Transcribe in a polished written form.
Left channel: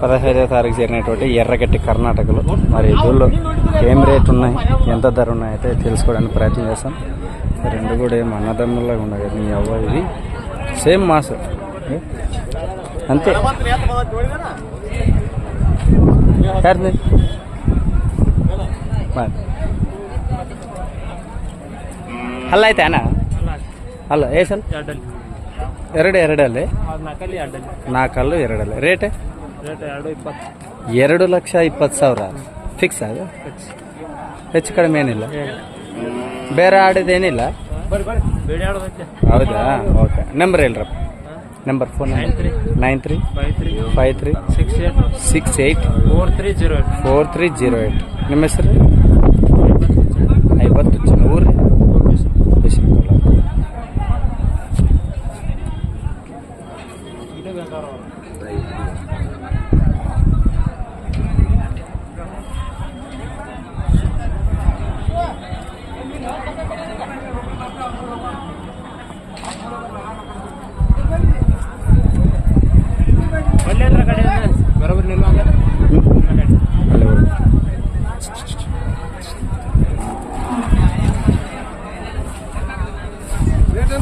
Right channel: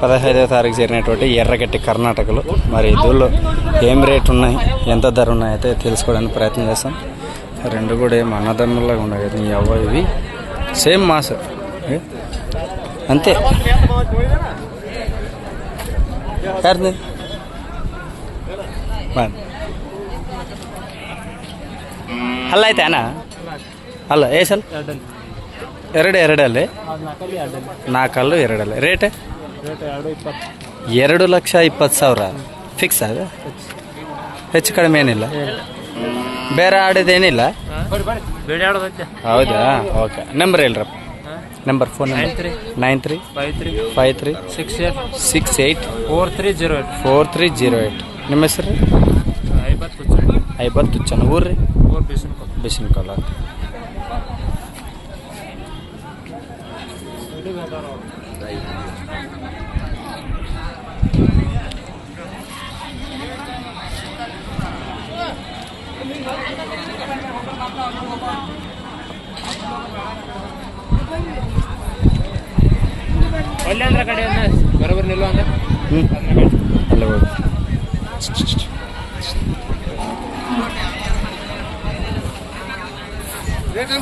15వ తారీఖు జరిగినటువంటి ఎర్రగట్టి కర్ణాటకలో మరి దూళ్ళు ఏం రేట్ ఉన్నాయి, ఎంత ధర ఉన్నాయి అయితే తెలుసుకోవడానికి ప్రయత్నం చేస్తాం. రెండు కూడా ఏం అన్నదమ్ములాగా ఉన్నాయి కదా నీ అవ్వ, ఇవి సేమ్ మాస్ అంతే. ಅಲ್ಲ ಆಯ್ತಾನ ಅಲ್ಲ ಏಸಲ್ ಎರಡಲ್ಲಿ 4 ಎರಡಲ್ಲಿ ರೇಟ್ 2,20,000 ಫಿಕ್ಸ್ ಅದು, ಹೆಚ್ಚು ಕಡಿಮೆ ಏನಿಲ್ಲ. ಬೇರೆ ಆಡೋದೇನಿಲ್ಲ. ಹೌದಾ, ಓಕೆ. ನಂಬರ್ ಹೇಳ್ರಪ್ಪ, ನಂಬರ್ ಫೋನ್ ನಂಬರ್ 9353684308. ನಿಮ್ಮ ಹೆಸರು? ಐಬತ್ತು ಚೆನ್ನ. ಊರು ರೀ? ಬಿಸಿನಕೊಲ್ಲ. ಅಲ್ಲ ಹೋಗಿ ರೇಟ್